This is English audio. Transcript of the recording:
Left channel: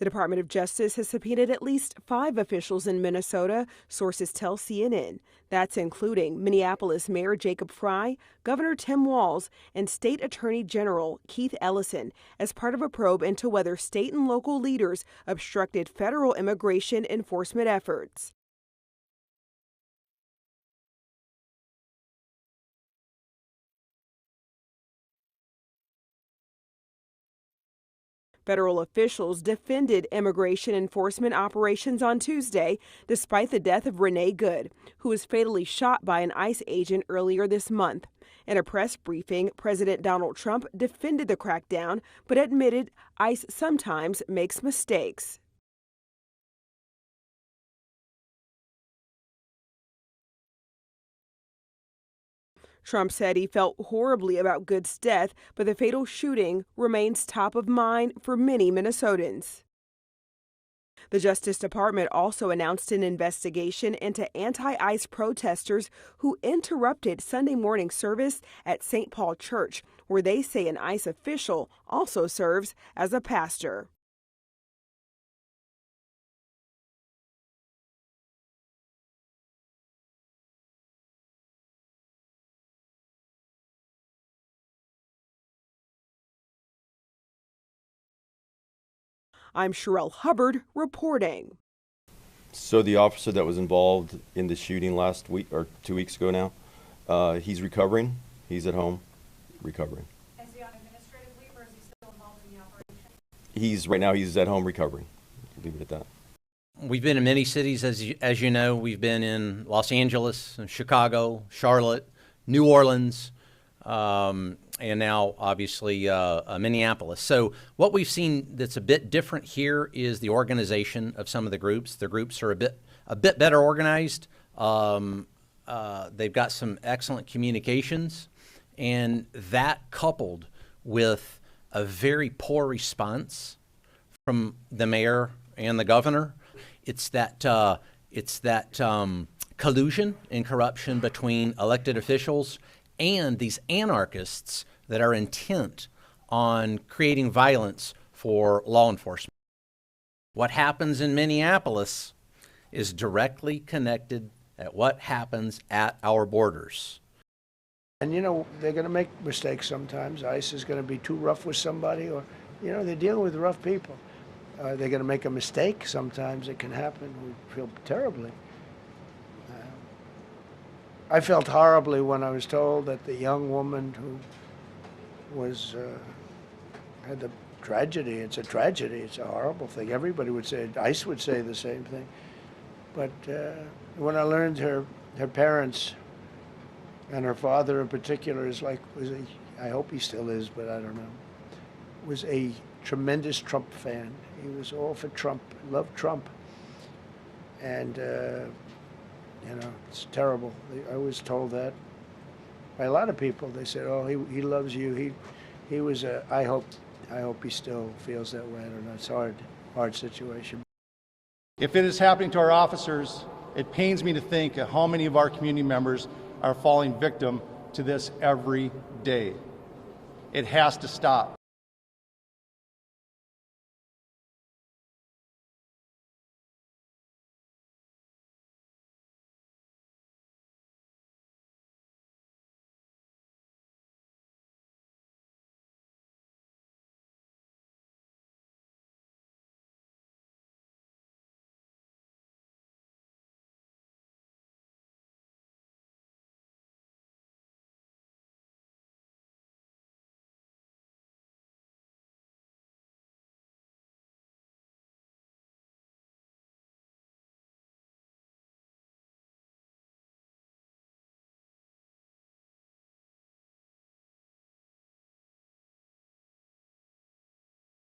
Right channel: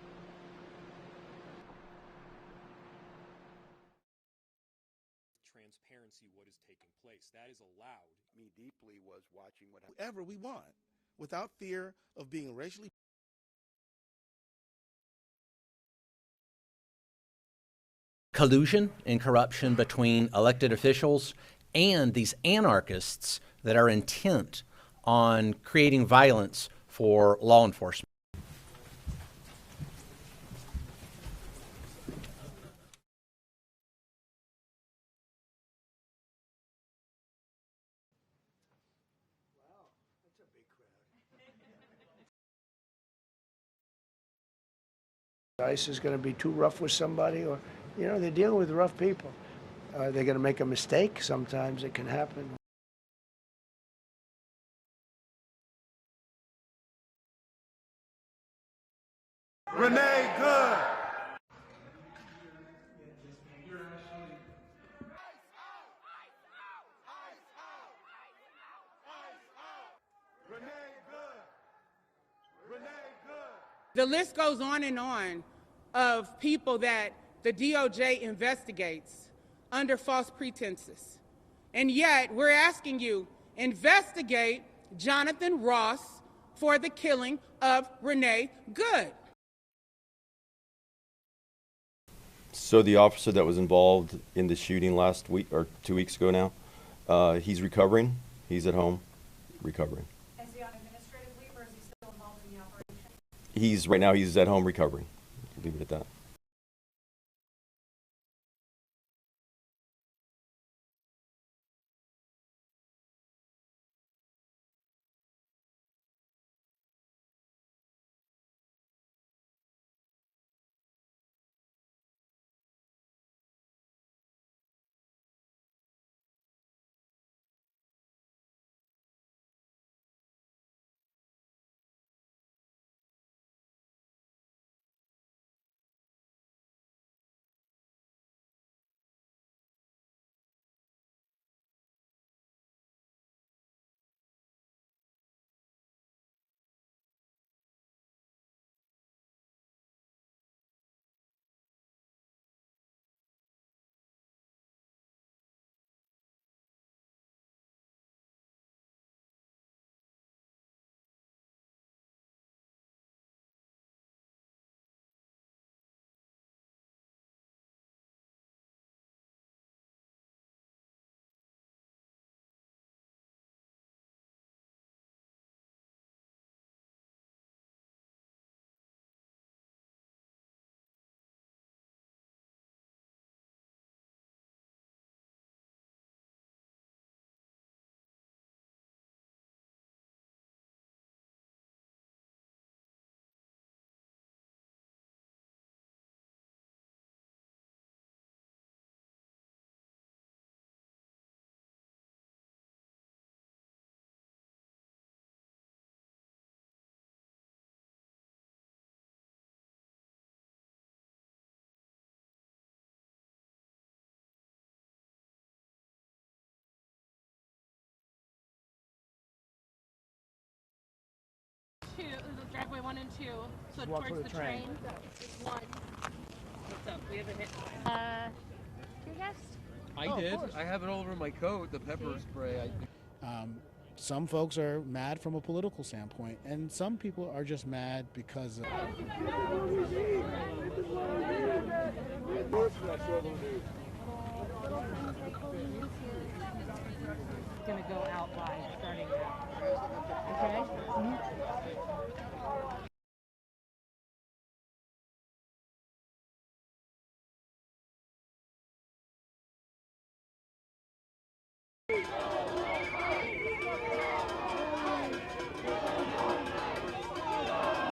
The Department of Justice has subpoenaed at least 5 officials in Minnesota, sources tell CNN. That's including Minneapolis Mayor Jacob Frey, Governor Tim Walz, and State Attorney General Keith Ellison as part of a probe into whether state and local leaders obstructed federal immigration enforcement efforts. Collusion and corruption between elected officials and these anarchists that are intent on creating violence for law enforcement. Federal officials defended immigration enforcement operations on Tuesday, despite the death of Renee Good, who was fatally shot by an ICE agent earlier this month. In a press briefing, President Donald Trump defended the crackdown, but admitted ICE sometimes makes mistakes. ICE is going to be too rough with somebody, or, they're dealing with rough people. They're going to make a mistake. Sometimes it can happen. Trump said he felt horribly about Good's death, but the fatal shooting remains top of mind for many Minnesotans. Renee Good! The Justice Department also announced an investigation into anti-ICE protesters who interrupted Sunday morning service at St. Paul Church, where they say an ICE official also serves as a pastor. The list goes on of people that the DOJ investigates under false pretenses. And yet, we're asking you, investigate Jonathan Ross for the killing of Renee Good. I'm Sherelle Hubbard reporting. So the officer that was involved in the shooting last week, or 2 weeks ago now, he's recovering. He's at home recovering. Is he on administrative leave, or is he still involved in the operation? Right now he's at home recovering. Leave it at that. We've been in many cities, as you know. We've been in Los Angeles, Chicago, Charlotte, New Orleans, and now obviously Minneapolis. So what we've seen that's a bit different here is the organization of some of the groups. The groups are a bit better organized. They've got some excellent communications, and that coupled with a very poor response from the mayor and the governor. It's that collusion and corruption between elected officials and these anarchists that are intent on creating violence for law enforcement. What happens in Minneapolis is directly connected at what happens at our borders. And they're going to make mistakes sometimes. ICE is going to be too rough with somebody, or, they're dealing with rough people. They're going to make a mistake. Sometimes it can happen. We feel terribly. I felt horribly when I was told that the young woman who had the tragedy. It's a tragedy. It's a horrible thing. Everybody would say it. ICE would say the same thing. But when I learned her parents and her father in particular I hope he still is, but I don't know, was a tremendous Trump fan. He was all for Trump, loved Trump. And, it's terrible. I was told that by a lot of people. They said, oh, he loves you. He was I hope he still feels that way. I don't know. It's a hard situation. If it is happening to our officers, it pains me to think of how many of our community members are falling victim to this every day. It has to stop. Driveway 1 and 2, so towards the train. 1. What's up? We have a hit. Your guest? I did. I have it all over my coat, the pepper spray. Some folks are mad from a political standpoint, and some people are just mad because of...